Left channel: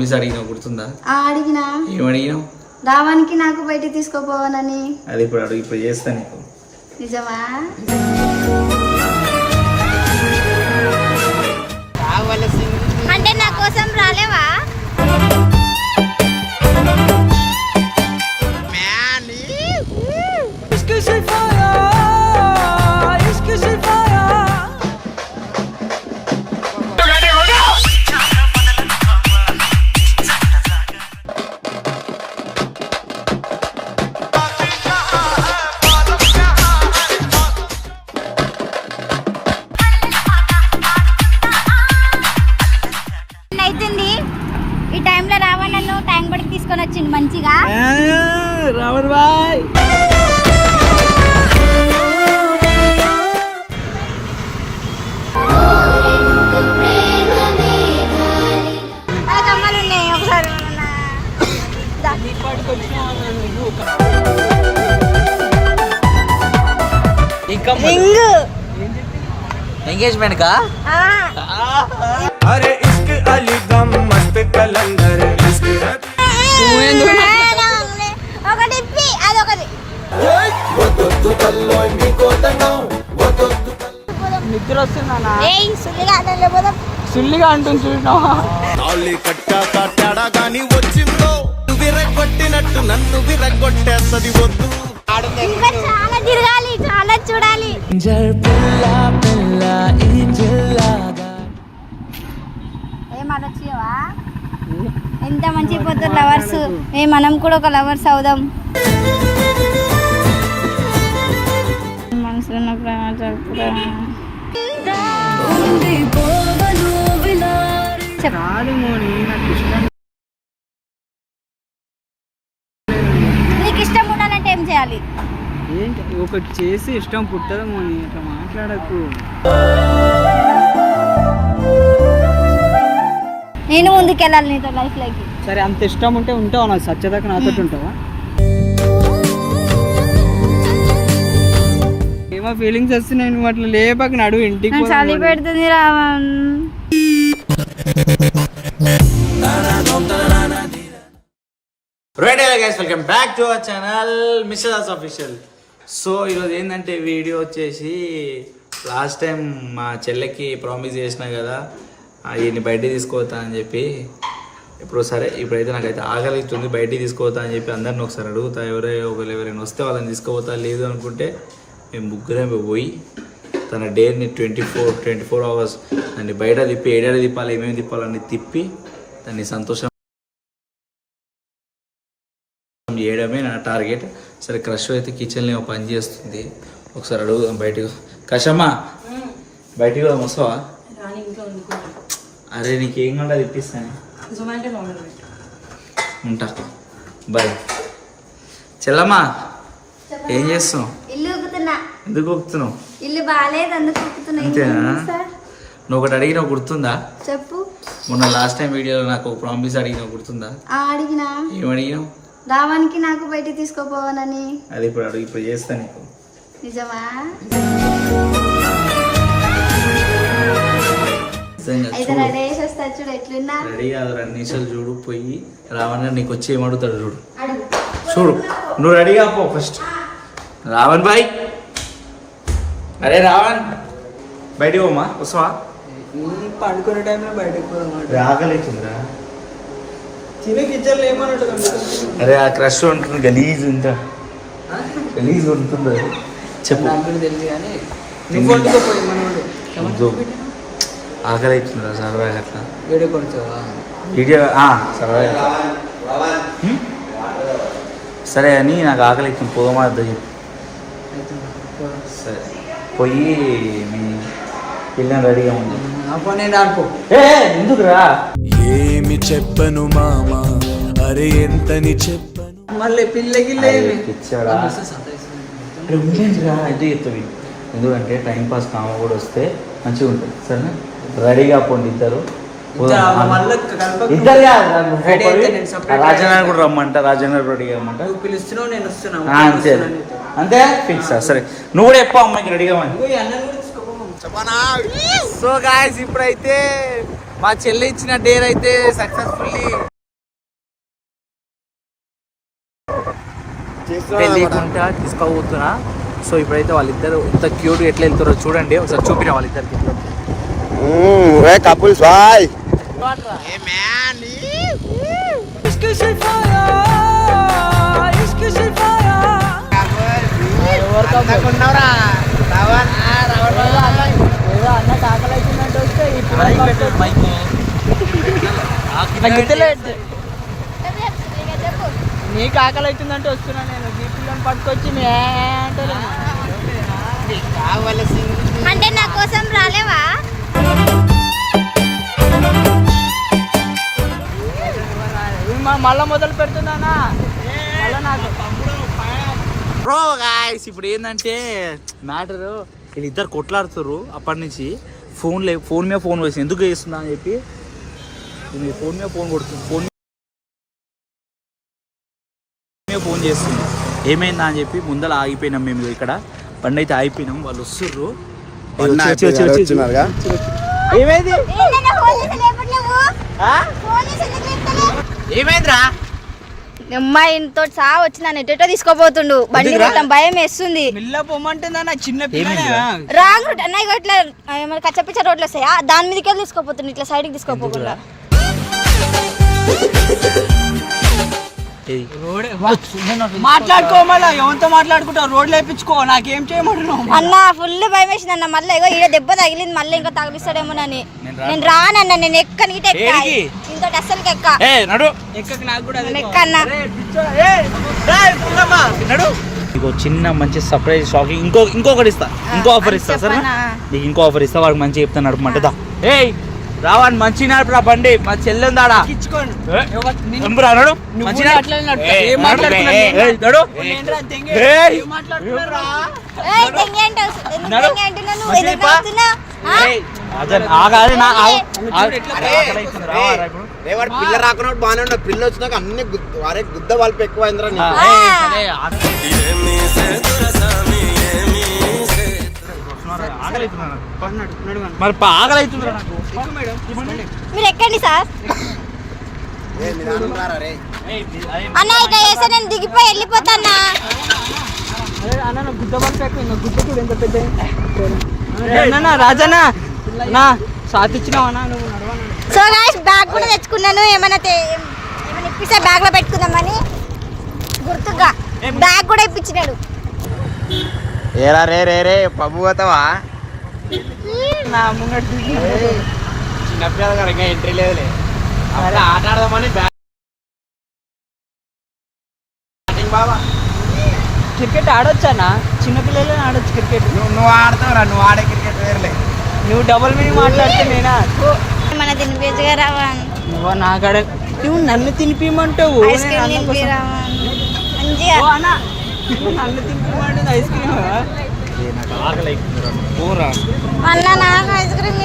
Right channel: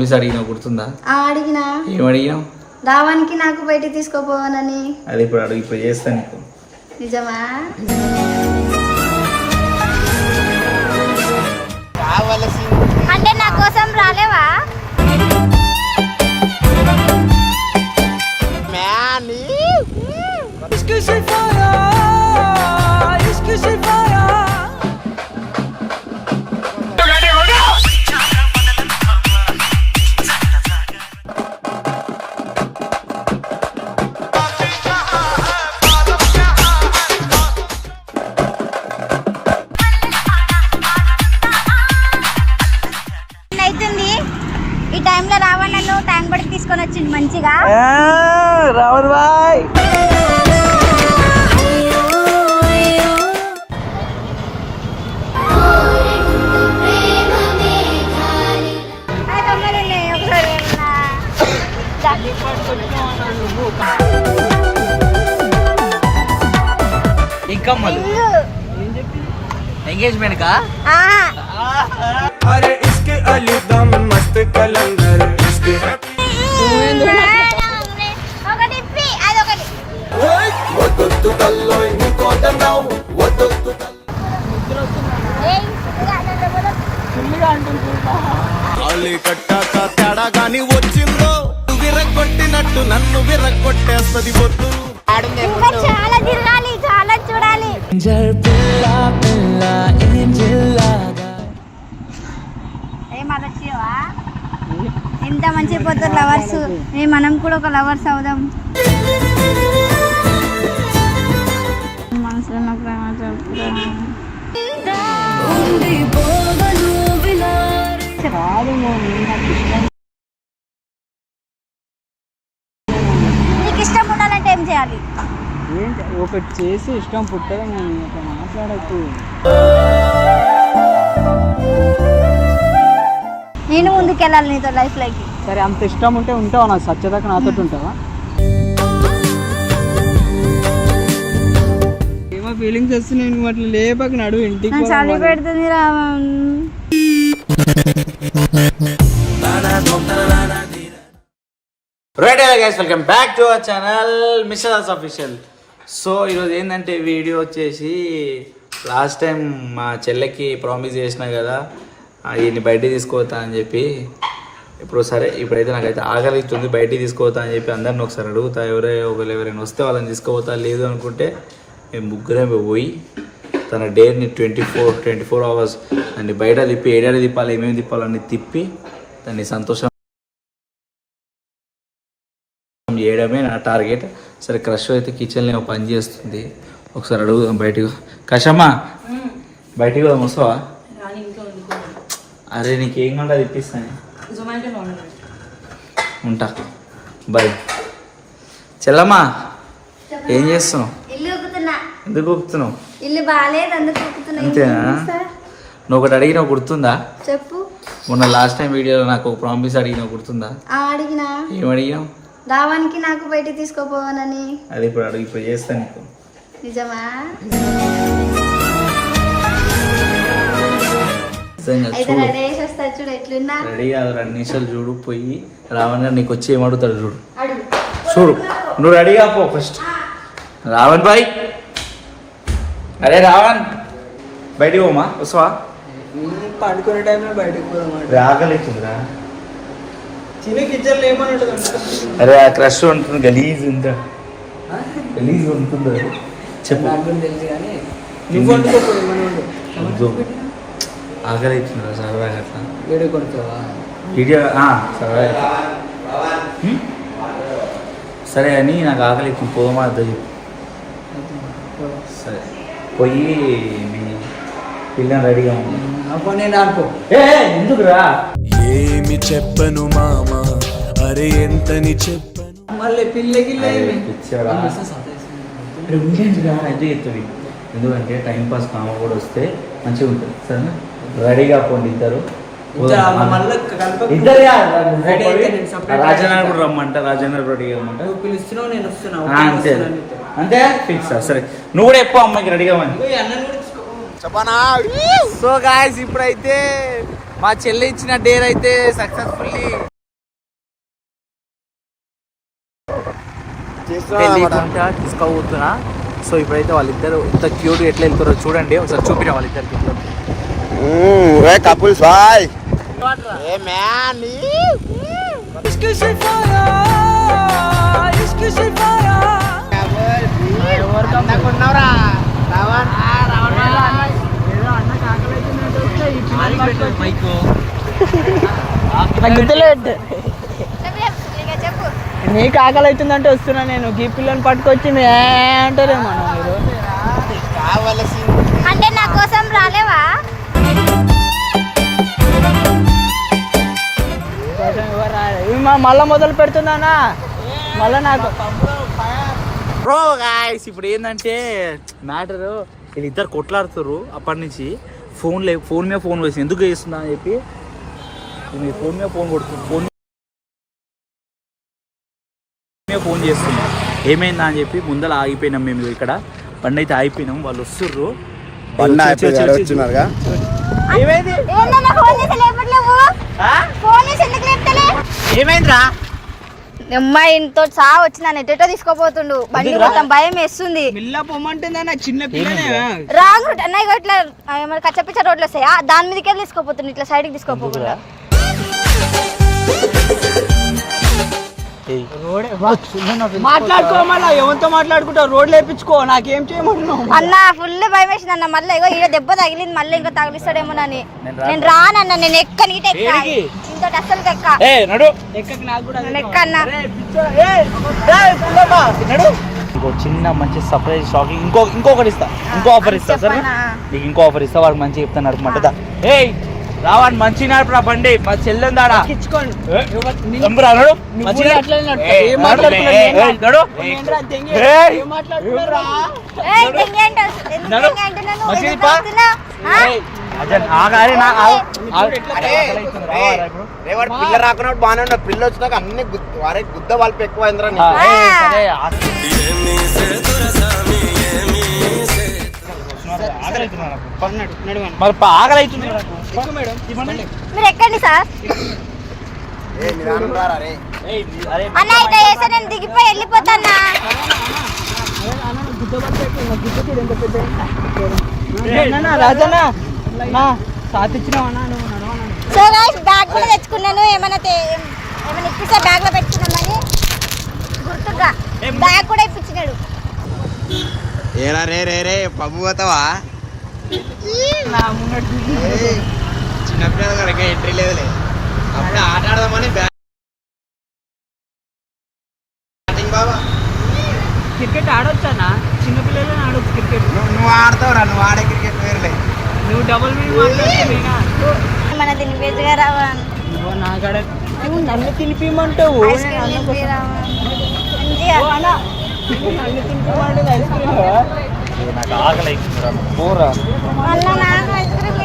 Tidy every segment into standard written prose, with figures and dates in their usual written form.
Miss అడిగినా గుర్తుందా? అడిగినా. ఏమడిగినావు? రావానికి నాకు బయట తీసుకోపోవాలని. అది ఇప్పుడు అడుగు, ఇప్పుడు చేస్తా నీకు. నిజమా? అంటే నా కోసం రాలేవా? ఈ టైంలో రావణ్ నన్ను ట్యాంక్ బడికి తీసుకొని వచ్చింది మంచిగా. రావణ్ బాయ్ ఎంగేజ్మెంట్ కా? अरे इसके अली दम मस्त कलंदर इसके వదొద్దు కల్లోయ్ నీ కోటనావ్ వదొద్దు నిద్ర వస్తుందన్నా. ఏయ్ సుల్లిగా అంటుంది చూడవా? అల్లి కట్టాక తేడా గాని వచ్చిందో విరగొట్టినట్టు నన్ను విరగొట్టేస్తది వద్దు. ఇంకా చాలా తిరగాలి, చాలా చూడాలి. ఏమనొచ్చావా? ఎంత మంచి పోతారు లవర్స్. మనం కూడా ఒక లవర్స్ అవుదాం. మనసులో ప్రేమ చెప్పురా. నీకు ఇష్టం ఉండాలంటే ఏం చేయాలి? ఏంటి ఒకటి చేసి ఇష్టం పుట్టడం అట్లా మాట్లాడకు. నేను ముందుకెళ్ళాలి నీతో లైఫ్ లోకి. సరే అంత ఇష్టం ఉంటే ఉంటావా? నాకు సచ్చేదాకా నాతో ఉంటావా? ఏమో ఫీలింగ్స్ వస్తున్నాయి, నువ్వు అట్లా లేపాక నడు ఇంటికి. చలి పెడుతుంది Ravan. Right guys, welcome back to our channel Mister Official. So ఈరోజు ఏంటంటే వీడియో వచ్చేసి లాస్ట్ టైం మా చెల్లెకి ప్రామిస్ చేసిన కదా ఈయన్ని బయటికి తీసుకుపోతా అని చెప్పి. ఇప్పుడు సరే, ఇప్పుడైతే నాకైతే ఆకలిస్తుంది, బయటికి తీసుకుపోతా అని చెప్పి అందరిని ఒకసారి అడుగుతా. ఎవరైనా వస్తే వాళ్ళని తీసుకుపోతా, లేదు అనుకుంటే మేము ముగ్గురే పోయి తన డేని 24 అవర్స్ దాన్ని బయట తిప్పి ఏడాది తిప్పాలి, ఏమేమి తిప్పాలన్నీ తిప్పి దాన్ని సంతోషం చేయడమే నా టార్గెట్. సరే, క్రష్ అయితే కిచెన్లో పని చేస్తుంది, ఒకసారి అడుగుదాం బయటకు. కషమ్మా బయటికి కూడా వస్తావా? అరే నీకేం కావాలి ఇప్పిస్తాను, ఉంటా. బాయ్. చెల్లమ్మా ఏం చేస్తున్నావు? ఎందుకు ఊపుతున్నావు? ఇల్లు బాగాలేదు అందుకు. అంతేనా? నువ్వు ఒకటి అడిగినావు గుర్తుందా? చెప్పు. మొన్న లాస్ట్ టైం వీడియోలో నాకు ఒక ప్రామిస్ అడిగినావు గుర్తుందా? అడిగినా. ఏమడిగినావు? రావానికి నాకు బయట తీసుకోపోవాలని. అది ఇప్పుడు అడుగు, ఇప్పుడు చేస్తా నీకు. నిజమా? రెడీ కాదు, 2 నిమిషాలు చూడు. పోయి రావణ్ గారు నీకు వచ్చి ఏమడుగుతాడు చూడు. చూడు, నువ్వు రెడీగా పో ఫస్ట్. రావణ్ బాయ్, అరే రావణ్ బయటికి పోమా, వస్తావా? పడుకునే టైంలో బయటకు పోదాం. ఆకలిస్తుందిరా. తినే కిచెన్లో ఏమన్నట్టు. అరే ఆ క్రష్ ఉంటుంది, గలీజ్ ఉందా? గలీజ్ ఉంటుంది అది. చెప్పు. తెలుసు కానీ నువ్వు వండుకోపోయి మన ఆకలి అవుతుందిరా సరదాగా. అట్లా వీడియో కొడతావా? వీడియో సరదాగా. సరే అని నాకు ఆకలి అవుతుంది, పోమా చెప్పు. సరే పోయి మీ పిల్లని రెడీగా ఉంది. నేను ఆడుకో. ఎందుకురా? ఏమి చెప్పను మామా, అరే ఎంతని చెప్పను. మళ్ళీ పిల్లగిల్లే పిచ్చారా? అయితే చెప్తుంది. ఎందుకంటే టైం పాస్ కామ కూడా వస్తే మంచిగా ఉంటుంది. సరేనా? రెడీగా పోండి ఇద్దరు. రాజన్న కూడా రమ్మంట, రాజన్న రెడీగా రమ్మంట. పిలుస్తున్నావు, నేను వస్తున్నా. అంతే అంతే ఫిక్స్. సరే నువ్వు కూడా ఎప్పుడు అమ్మాయికి రెడీగా సో గాయ్స్, ఇప్పుడైతే మా చెల్లి ఇచ్చిన డేర్ అయితే సక్సెస్ఫుల్లీ పెళ్ళికుంటా తీసుకోబోతున్నా. సో ఇప్పుడైతే వాళ్ళిద్దరు ఎంత క్యూట్ ఎట్లా వెళ్తారో చూడండి, ఒకసారి చూపిన వాళ్ళిద్దరికి. కపుల్ బాయ్ నీకు ఆకలి అవుతుందంటే వస్తున్నా నేను. ఈ పిల్లని పట్టుకొచ్చి మే అంటారేమో. అంటే నా కోసం రాలేవా? మళ్ళా మొదలు పెడుతున్నానా మళ్ళా నాకు. బ్రో గాయ్స్ ఇప్పుడు ఏంటంటే మ్యాటర్, వీళ్ళిద్దరు కొట్లాడుతారు అప్పటి నుంచి. ఫోన్ మీద ఫోన్ వేసి ఎందుకు చేస్తున్నా అని చెప్పి ఫోన్ మీద ఫోన్ కొడుతుంది, ఫోన్ చేస్తుంది. ఏమైందా అని చెప్పి ముందర ఆగిపోయినాం మేము. ఇక్కడ బండి అయితే ఆగిపోయినాం, వాళ్ళు వస్తుర్రు. ఏమైందిరా అమ్మాయితో సహా వచ్చి నన్ను ఎటో తీసుకోపోతుండు. బండి మొత్తం భయం వేస్తుంది. చిన్న రాంగ్ రూట్ అన్నయ్య ఇట్లా ఏమైనా కచ్చపిచ్చ రోడ్లు వస్తాయా, దాని మీదకి వెళ్ళి తీసుకోపోతుండు, ఇట్లా సైడ్కి తీసుకోపోకుండా. మాట్లాడుకో, మళ్ళీ ఎవరితో మాట్లాడుకుంటావు? రోడ్లు వేయించుకో, నాకేం చేయమంటున్నావు? అన్న ఫుల్ భయం వేసింది అన్న. మళ్ళీ ఇగో ఈడ దెబ్బ తగిలింది, మళ్ళీ ఇంకా తగిలిస్తాడేమోనని నేను రానన్న. నేను ఎక్కనికి ఇంతో అస్సలు ఎక్క నాకు కూడా ఎక్కన్నా. ఇంకో చిన్న మంచి సర్ప్రైజ్ షాకింగ్ ఇంకొకటి ఇస్తా, ఇంకో ఆఫర్ ఇస్తా. సరే నీకు ఇంకో ఆఫర్ ఇస్తా, వాడికి మంచిగా చెప్తాను నడుపుమంటే. రావాడి మంచి నడుపురా బండి, మా చెల్లెందాడా పిల్ల రాకుండా బాగానే ఉండదు. పిల్ల వచ్చినాక అన్ని వారే గుద్ద వాళ్ళకి ఎక్కువ అయిందిరా. మరి ఆకలి అవుతుంది. మీరు ఎక్కండి సార్. అన్న ఇట్లా చేస్తే నేను దిగిపోయి వెళ్ళిపోతానా. రాజనా నా సాత్ ఇచ్చినావా నువ్వు? సో గైస్ బ్యాగ్ కూడా తెచ్చుకున్నాను. ఏమైనా ఇప్పిస్తే బ్యాగ్ లో పెట్టుకుందామని గుర్తుగా బ్యాగ్ కూడా ఇప్పించినాడు. ఏరా రే రే రే పబ్బు పోతావా? నా ముంగడు చిన్నపిల్లలు ఇంకా ఎంట్రీ లేదు. అలా ఆట ఆడదామని బాబా. క్రికెట్ ఆడొచ్చానా? చిన్నపిల్లలు ఆడొచ్చు క్రికెట్. నువ్వు ఆడతావురా, నువ్వు ఆడే క్రికెట్ వేరులే. నువ్వు డబుల్ మీనింగ్ మాట్లాడుతున్నా. మన తినిపించగా రావా? నువ్వు నాకాడ నువ్వు నన్ను తినిపిమంటావు. Ice cream తినిపిరావా? మంచిగా నన్ను తినిపిమంటే ఐస్ క్రీమ్ నాకు ఆకలి అవుతుంది. అన్న నాకు ఐస్ క్రీమ్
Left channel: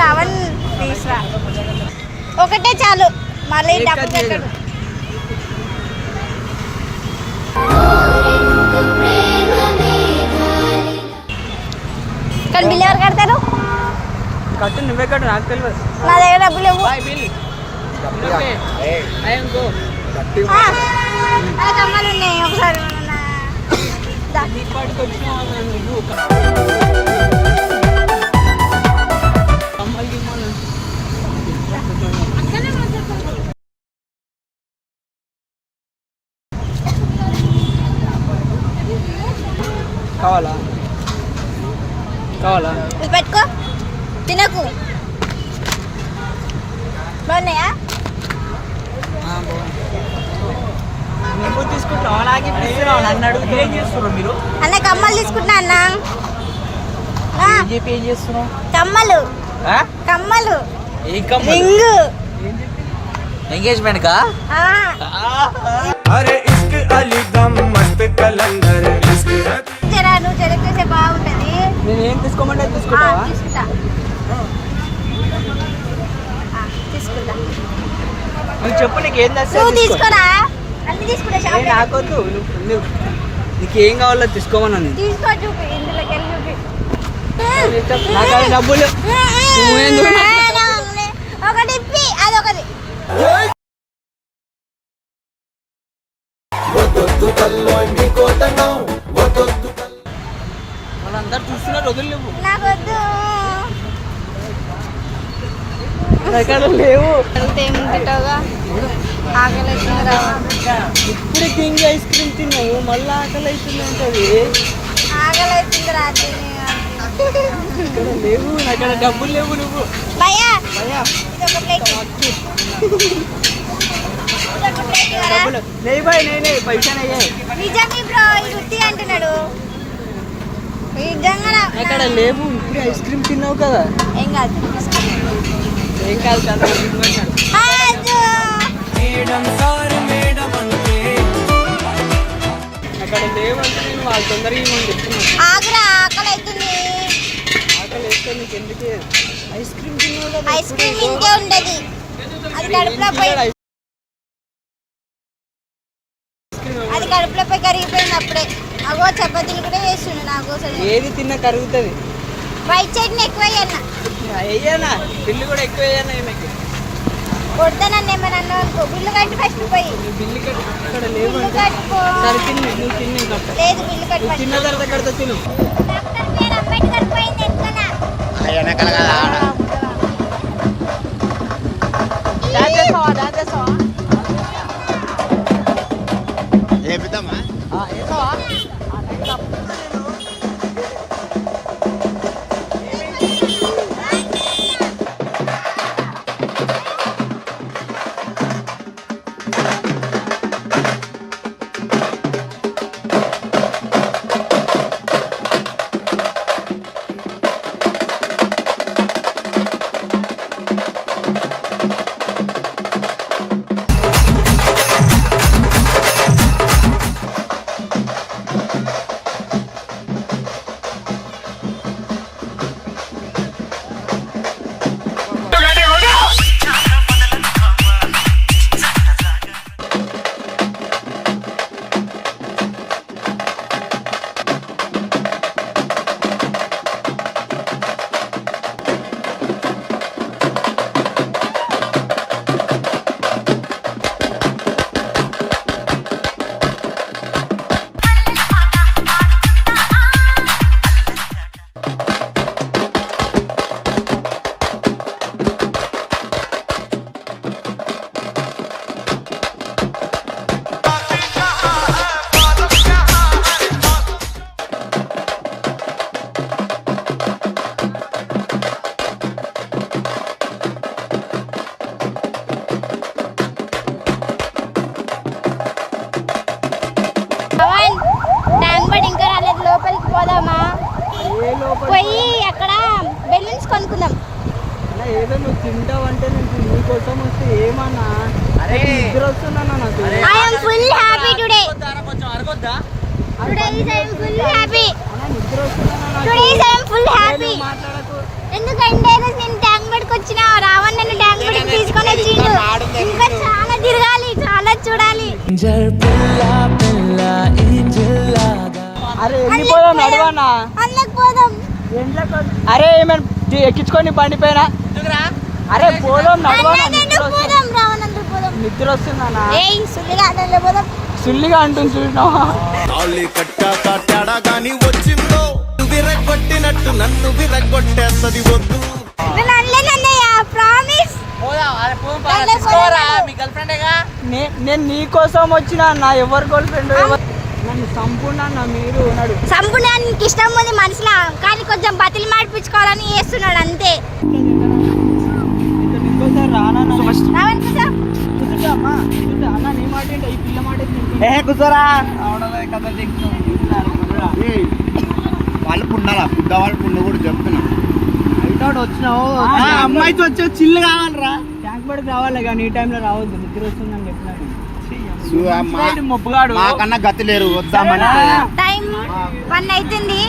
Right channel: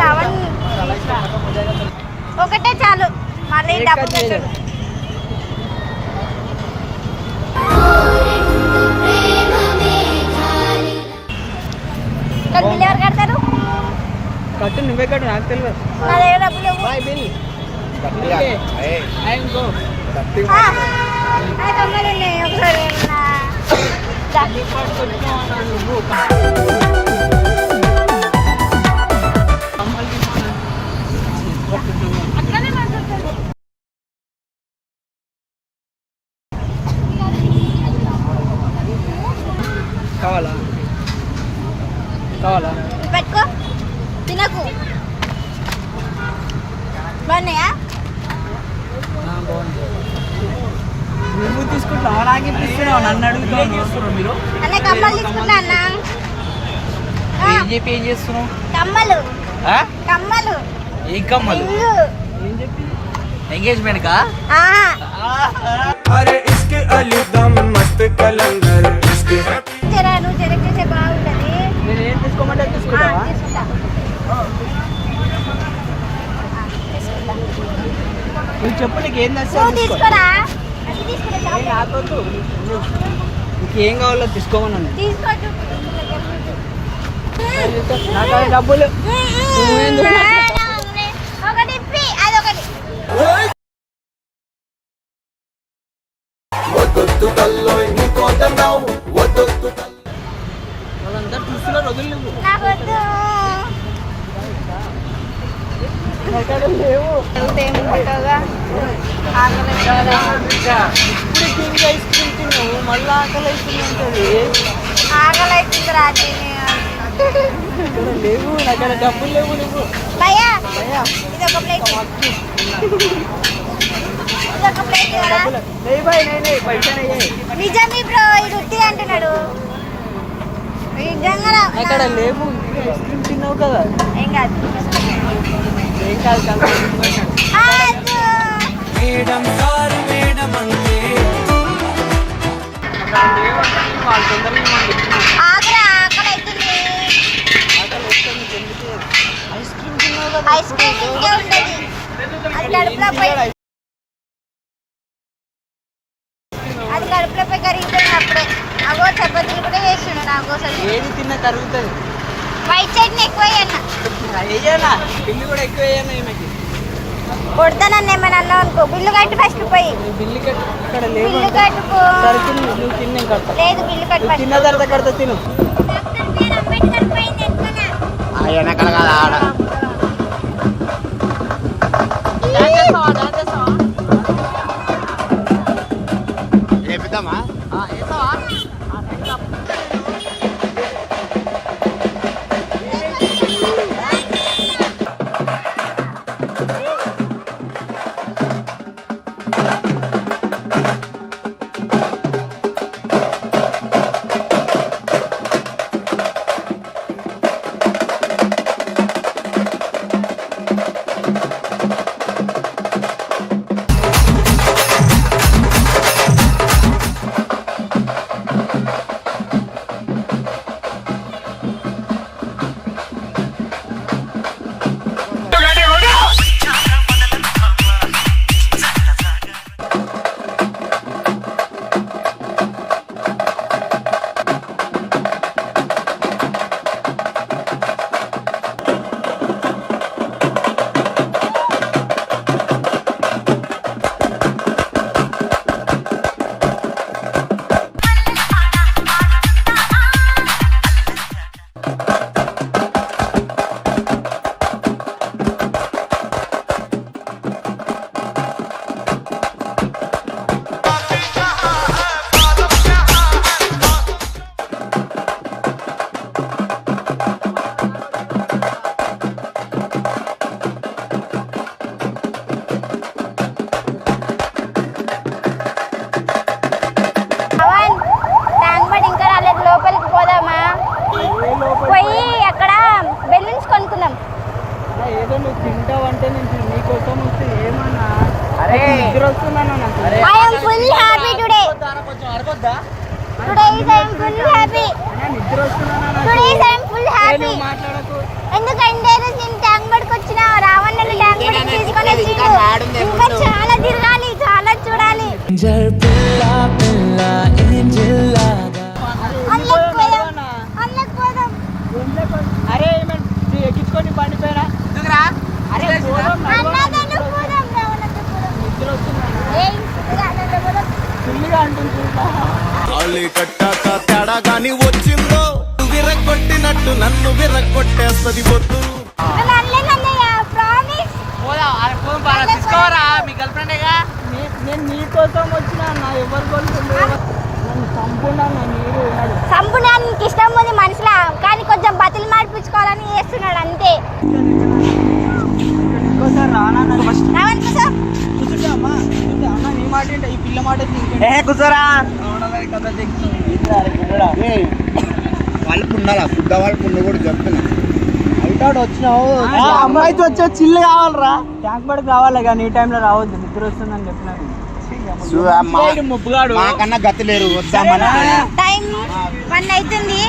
రావని తీసురా. ఒకటే చాలు, మళ్ళీ డబ్బు పెట్టండి. ఇక్కడ బిల్ ఎవరు కడతారు? కట్టు నువ్వే కట్టు, నాకు తెలియదు. నా దగ్గర డబ్బులు లేవు. కమ్మలు ఉన్నాయి, ఒకసారి నువ్వు కావాలా కావాలా? పెట్టుకో, తినకు. బాగున్నాయా? బాగుంది. నువ్వు తీసుకుంటావు, నాకు ఇస్తున్నావు, నన్ను అడుగుతావు. మీరు అన్న కమ్మలు తీసుకుంటా అన్న. ఏం చెప్పి ఏం చేస్తున్నావు? కమ్మలు కమ్మలు ఏం కమ్మలు? రింగు. ఎంగేజ్మెంట్ కా? अरे इश्क अली दम मस्त कलंदर इश्क జరా నువ్వు చెరకేసే బాగుంటది. నేను ఏం తీసుకోమంటే తీసుకుంటావా? తీసుకుంటా తీసుకుంటా. నువ్వు చెప్పు, నీకు ఏం నువ్వు తెస్తా తీసుకోరా, అన్ని తీసుకుంటా. షాప్ నాకొద్దు. నీకు ఏం కావాలో తీసుకోమని ఉంది. తీసుకో, చూపి ఇందులోకి వెళ్ళి చూపి. నాకు అది డబ్బులు ఒకటి ఇప్పి అదొకటి. మళ్ళీ ఆకలి అవుతుంది ఉంటుంది. ఆకలి అవుతుంది రాత్రి కూడా లేవు అక్కడ డబ్బులు లేవు నువ్వు. భయ్యా అయ్యా ఇది ఒక ప్లేట్ ఇది ఒక ప్లేట్ కదా డబ్బులు లేవు బాయ్, నేనే పైసలు అయ్యాయి నిజంగా బ్రో ఇది ఉత్తి అంటున్నాడు నిజంగా అక్కడ లేవు. ఇప్పుడు ఐస్ క్రీమ్ తిన్నావు కదా, ఏం కాదు ఏం కాదు కదా. మేడం సార్ మేడం అంటే అక్కడ లేవు అంటే నేను వాళ్ళు తొందరగా చెప్తున్నాను. ఆగరా ఆకలి అవుతుంది అక్కడ వేస్తే నీకు ఎందుకే ఐస్ క్రీమ్ తిన్నావు కదా. ఐస్ క్రీమ్ ఇంకే ఉండదు అది కడుపులో పోయి అది కడుపులో పోయి కరిగిపోయింది అప్పుడే అగో చపాతీలు కూడా చేసిండు నా కోసం ఏది తిన్నా కరుగుతుంది. వైట్ చట్నీ ఎక్కువ అయ్యన్న అయ్యానా బిల్లు కూడా ఎక్కువ అయ్యాను ఈయనకి. కొడతానన్ను ఏమైనా అన్నావు అనుకో బిల్లు కట్టి ఫస్ట్ పోయి బిల్లు కట్టి అక్కడ లేవు బిల్లు అంటే కట్టుకో సరే తిను, నువ్వు తిన్నాం కడతా. లేదు బిల్లు కట్టి నువ్వు తిన్న తర్వాత కడతా తిను. డాక్టర్ పేరు అంబేద్కర్ పోయింది ఎట్లనా ఆడ ఏపిద్దామా ట్యాంక్ ఇంకా రాలేదు లోపలికి పోదామా పోయి అక్కడ బెలూన్స్ కొనుక్కుందాం అలా ఏదో నువ్వు తింటావంటే నేను నీకోసం వస్తే ఏమన్నా నిద్ర వస్తున్నాను నాకు. I am full happy today. కొంచెం అరగొద్దా? Today is I am full happy. అన్నా నిద్ర వస్తున్నాను నాకు. Today is I am full happy. నువ్వు మాట్లాడకు. ఎందుకంటే నేను ట్యాంక్ బడికి వచ్చిన రావణ్ నన్ను ట్యాంక్ బడికి తీసుకొని వచ్చిండు ఇంకా చాలా తిరగాలి చాలా చూడాలి అరే వెళ్ళిపోదాం, నడవనా? అందులోకి పోదాం అరే ఏమైనా ఎక్కించుకొని బండి పైన అరే పోదాం, నడవనా? అన్నదండు పోదాం రావణ్ అందుకు పోదాం నిద్ర వస్తుందన్నా. ఏయ్ సుల్లిగా అందులో పోదాం సుల్లిగా అంటుంది చూసినావా? నేను అనలేనన్నయ్య ప్రామిస్ నేను నీ కోసం వచ్చిన అన్న, ఎవరి గర్ల్ ఫ్రెండ్ సంపూర్ణ అన్న మీరు ఉన్నాడు. సంపూర్ణానికి ఇష్టం ఉంది మనసులో కానీ కొంచెం బతిలి మాడిపించుకోవాలని చేస్తున్నాడు అంతే ఇంకోసారి రానా రావణ్ సార్ కూర్చుంటామా? అన్న నీ మాట ఏంటి? ఈ పిల్ల మాట కూర్చోరా వాళ్ళు పున్నారా బుద్ధ వాళ్ళు పున్న కూడా చెప్తుంది బయట వచ్చినావు అమ్మాయితో వచ్చి చిల్లు కావాలరా. ట్యాంక్ పడికి రావాలి కానీ ఈ టైంలో రావద్దు, నిద్ర వస్తుందని చెప్పినాను. ముప్పుగాడు నాకన్నా గతి లేరు టైం 1 అవుతుంది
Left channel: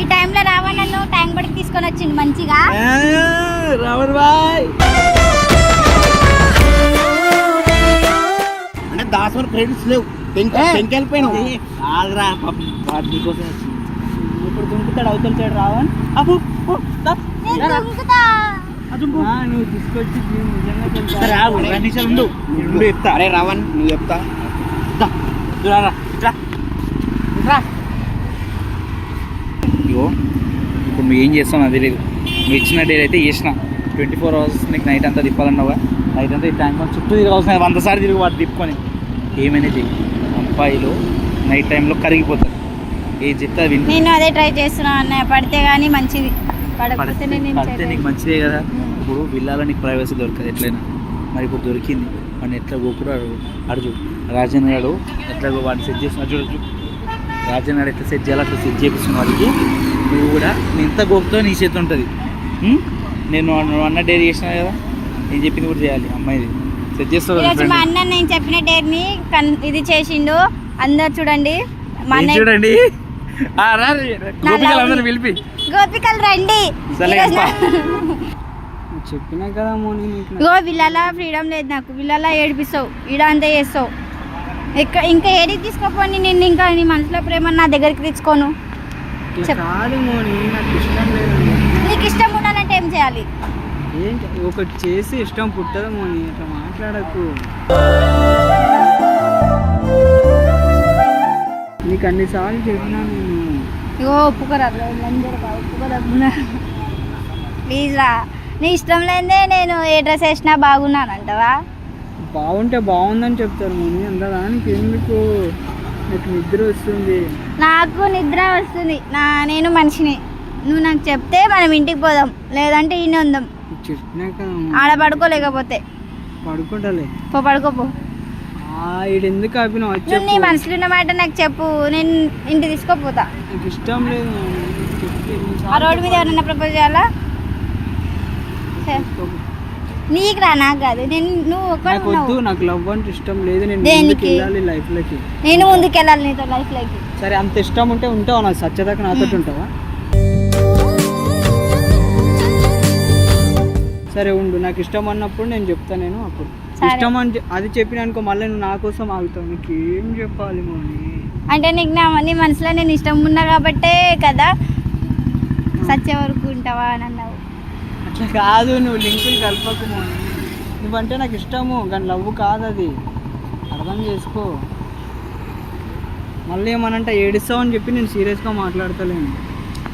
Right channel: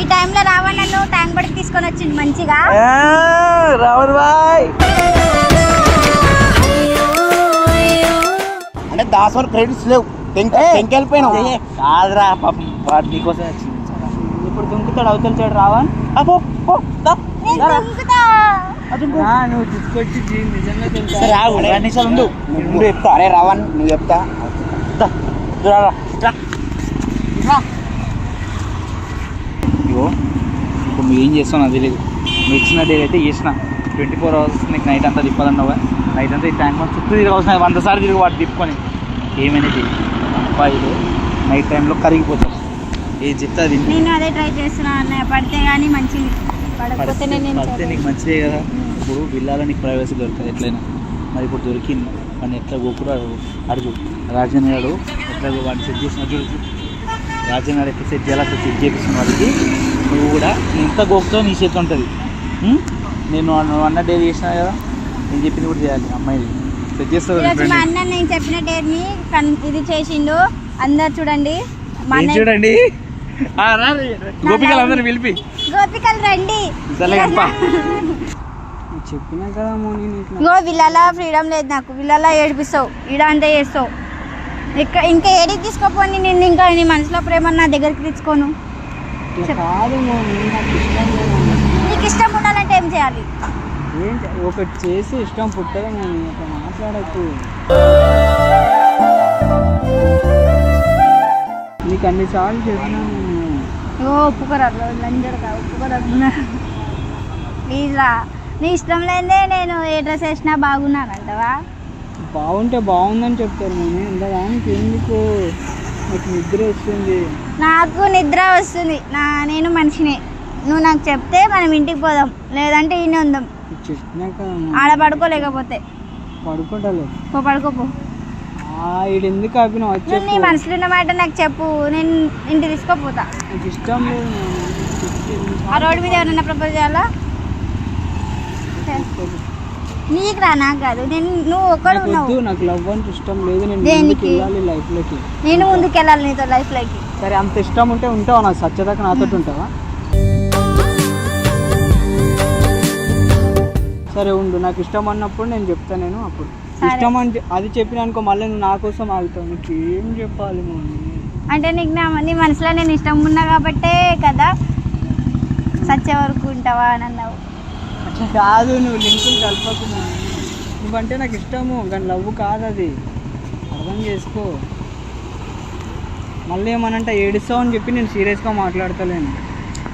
ఈ టైంలో రావణ్ నన్ను ట్యాంక్ బడికి తీసుకొని వచ్చింది మంచిగా రావణ్ బాయ్. అంటే దాసర్ క్రెడిట్స్ లేవు వెళ్ళిపోయినావు కాదురా పాపం వాడు నీకోసం వచ్చింది. ఇప్పుడు దుంకుతాడు అవతల సైడ్ రావణ్. నేను దుంకుతా నువ్వు తీసుకొచ్చి నిజంగా తెలుసా? సరే ఆగు 2 నిమిషాలు ఉండు నువ్వు చెప్తా అరే రావణ్ నువ్వు చెప్తా ఇప్పుడు నువ్వు ఏం చేస్తావు నాకు తెలియదు. నువ్వు ఇచ్చిన డేట్ అయితే చేసిన 24 hours నీకు నైట్ అంతా తిప్పాలన్నావుగా. నైట్ అంతా ఈ టైం చుట్టూ తిరగవలసిన 100 సార్లు తిరిగి వాడు తిప్పుకొని ఏమైనా చెయ్యి. 5 నైట్ టైంలో కరిగిపోతాం. ఏది చెప్తే అది వింటా. నేను అదే ట్రై చేస్తున్నాను అన్నయ్య, పడితే కానీ మంచిది, పడకపోతే నేను పడితే నీకు మంచిదే కదా. ఇప్పుడు విల్లాలో నీకు ప్రైవసీ దొరకదు ఎట్లయినా. మరి ఇప్పుడు దొరికింది, వాడిని ఎట్లా గోకుడు అడుగు రాజన్ గారు ఎట్లా వాడిని సెట్ చేసిన చూడచ్చు. రాజన్ గారు ఎట్లా సెట్ చేయాలి అట్లా సెట్ చేపిస్తున్న వాళ్ళకి నువ్వు కూడా నేను ఎంత గోకుతో నీ చేతి ఉంటుంది. నేను అన్న డైరీ చేసినా కదా, నేను చెప్పింది కూడా చేయాలి. అమ్మాయిది సెట్ చేస్తావు. మా అన్న నేను చెప్పిన డేర్ని ఇది చేసిండు. అందరు చూడండి, మా అన్న చూడండి గోపికలు అందరూ పిలిపి గోపికలు రండి. చెప్పినా కదా మోని నీకు. ఇగో విల్లాల ఫ్రీడమ్ లేదు నాకు, విల్లాల ఏడిపిస్తావు, ఈడ అంతా చేస్తావు. ఇంకా ఏడికి తీసుకోపోని, నేను ఇంకా నీ మనసులో ప్రేమ నా దగ్గరికి తెచ్చుకోను. కాదు మోని, నాకు ఇష్టం లేదు. నీకు ఇష్టం ఉండాలంటే ఏం చేయాలి? ఏంటి ఒకటి చేసి ఇష్టం పుట్టదు మోని, అట్లా మాట్లాడకు. నీకు అన్నిసార్లు చెప్పినాను. ఇగో ఒప్పుకోరా, లంజరగా ఒప్పుకోరా ప్లీజ్ రా. నీ ఇష్టం లేదే నేను ఏ డ్రెస్ వేసినా బాగున్నానంటవా? బాగుంటే బాగుందని చెప్తారు నేను, ఇంతదానికి ఎందుకు? నాకు నిద్ర వస్తుంది. నాకు నిద్ర వస్తుంది, నేను మనిషిని. నువ్వు నాకు చెప్తే మనం ఇంటికి పోదాం, లేదంటే ఈయన ఉందాం. చెప్పినాక ఆడ పడుకోలేకపోతే పడుకుంటలే. పడుకోపో. ఈడు ఎందుకు ఆపిన నువ్వు నీ మనసులో ఉన్న మాట నాకు చెప్పు, నేను ఇంటికి తీసుకోపోతా. నాకు ఇష్టం లేదు. ఆ రోడ్డు మీద ఎవరన్నా ప్రపోజ్ చేయాలా? నీకు రా, నాకు కాదు. నువ్వు ఒక్కడు ఉన్నావు. నాకు లవ్ అంటే ఇష్టం లేదు. నేను ముందుకు వెళ్ళాలి లైఫ్ లోకి. నేను ముందుకు వెళ్ళాలి నీతో లైఫ్ లోకి. సరే, అంత ఇష్టం ఉంటే ఉంటావా? నాకు సత్యదాకా నాతో ఉంటావా? సరే ఉండు, నాకు ఇష్టం అన్నప్పుడు నేను చెప్తా. నేను అప్పుడు ఇష్టం అంటే అది చెప్పిన అనుకో, మళ్ళీ నా కోసం ఆగుతావు. నీకు ఏం చెప్పాలి మోని? అంటే నీకు నీ మనసులో నేను ఇష్టం ఉన్నా కాబట్టే కదా సచ్చే వరకు ఉంటావా అని అన్నావు. అట్లా కాదు, నువ్వు లింకులు కలపకున్నావు. నువ్వంటే నాకు ఇష్టము, కానీ లవ్ కాదు అది, అర్థం చేసుకో. మళ్ళీ ఏమనంటే ఏడుస్తావు అని చెప్పి నేను సీరియస్గా మాట్లాడతలేను.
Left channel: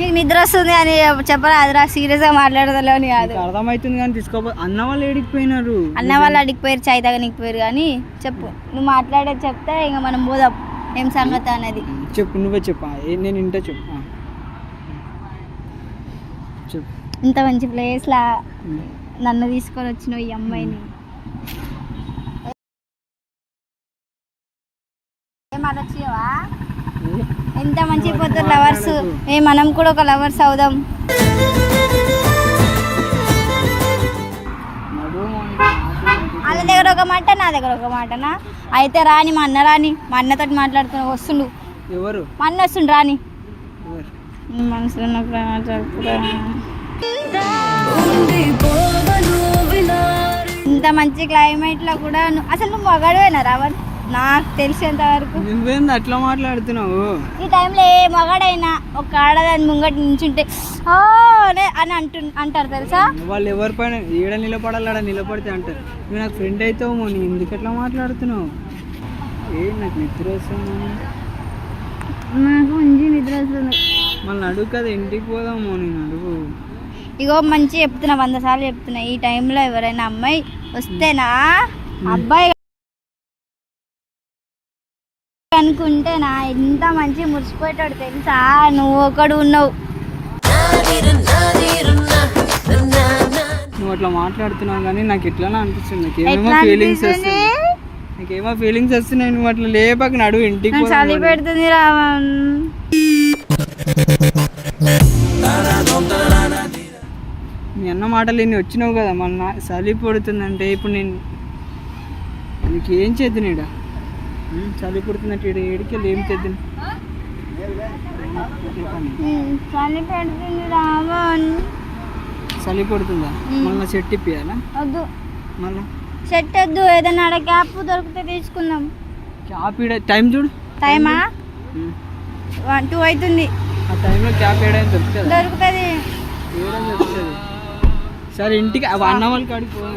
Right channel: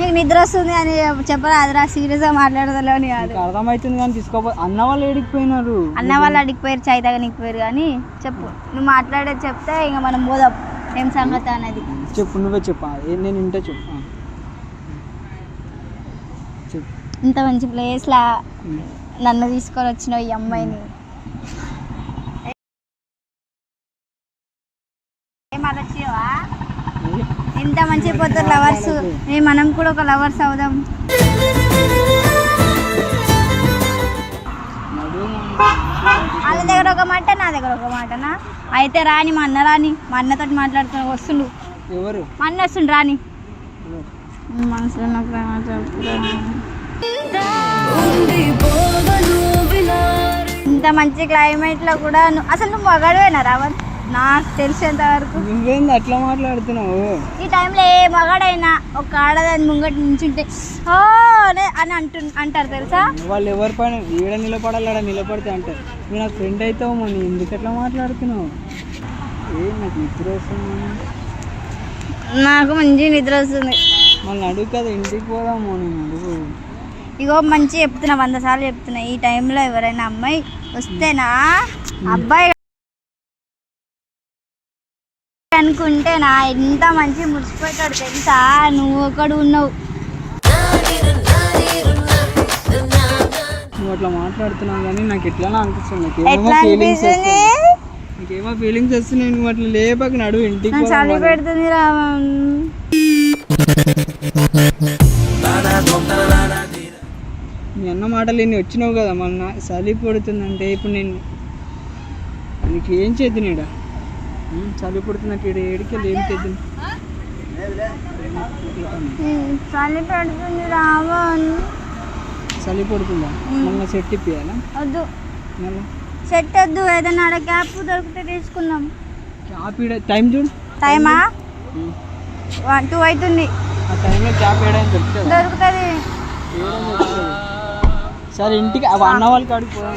నీకు నిద్ర వస్తుంది అని చెప్పరాదురా, సీరియస్గా మాట్లాడతలే అని కాదు. అర్థమవుతుంది కానీ తీసుకోపో. అన్న వాళ్ళు ఏడికిపోయినారు. అన్న వాళ్ళు అడిగిపోయారు, చాయ్ తాగనిపోయారు. కానీ చెప్పు, నువ్వు మాట్లాడేది చెప్తే ఇంకా మనం పోదాం ఏం సంగతి అనేది. చెప్పు, నువ్వే చెప్పు. నేను ఇంటే చెప్పు. చెప్పు. ఇంత మంచి ప్లేస్లా నన్ను తీసుకొని వచ్చిన ఈ అమ్మాయిని ఏం ఆలోచించవా? ఎంత మంచి పోతారు లవర్స్. మనం కూడా ఒక లవర్స్ అవుదాం. వాళ్ళ దగ్గర ఒక మాట, నా దగ్గర ఒక మాటనా? అయితే రాని, మా అన్న రాని, మా అన్నతో మాట్లాడుతూ వస్తుండు. ఎవరు? మా అన్న వస్తుండు, రాని. మనసులో ఉన్న ప్రేమ చెప్పురా. ఇంత మంచి క్లైమేట్ లో కూడా అసలు నువ్వు మగాడువేనా రావణ్? నాకు తెలిసేంత వరకు నువ్వేంది అట్లా మాట్లాడుతున్నావు? ఈ టైంలో ఏ మగాడైనా ఒక ఆడదాని ముంగట నుంచుంటే ఓ అని అంటారు తెలుసా? వాళ్ళు ఎవరి పైన ఏడ నిలబడాలి, ఆడ నిలబడితే అంటారు. నువ్వు నాకు ఫ్రెండ్ అవుతావు, నువ్వు ఎందుకు ఎట్లా మాట్లాడుతున్నావు? నాకు నిద్ర వస్తుంది. నాకు మంచి నిద్ర వస్తుంది. మళ్ళీ అడుగు కదా, ఇంటికి పోదాము. నేను అడుగు. ఇగో మంచి చెప్తున్నా, 100 సార్లు చెప్తున్నా. ఈ టైంలో ఎవరైనా అమ్మాయి వస్తేనా అబ్బాయి అనుకుంటేనా ఎంత మంచి మురిసిపోయాడు తెలుసా? నువ్వు ఒకడు ఉన్నావు. నువ్వు అట్లా మాట్లాడుతున్నావు కానీ నాకు ఎట్లా అనిపిస్తుంది. నాకేమో ఫీలింగ్స్ వస్తున్నాయి. నువ్వు అట్లా లేపాక నడువు, ఇంటికి చలి పెడుతుంది రావణ్. మీ అన్న మాటలు ఎన్ని వచ్చినావు కదా, మొన్న చలి పడుతుందంటే ఇప్పుడు నేను నీకు ఏం చేద్దునేడా? చలి పడుతున్నట్టు ఏడికి ఏం తెద్దు. చలి పెడుతుంది రావణ్. చలి పడుతుందా? మళ్ళీ సెట్ ఇప్పియాలా? వద్దు, మళ్ళీ సెట్ వద్దు. ఏదైనా ఆడ క్యాప్ దొరికితే తీసుకుందాం. క్యాప్ టైం చూడు. టైమా 1, 2 అవుతుంది. ఆ టైంలో క్యాప్ వేయడానికి దొరుకుతుంది. దొరుకుతుంది. సరే ఇంటికి అన్న వాళ్ళకి అడుగు.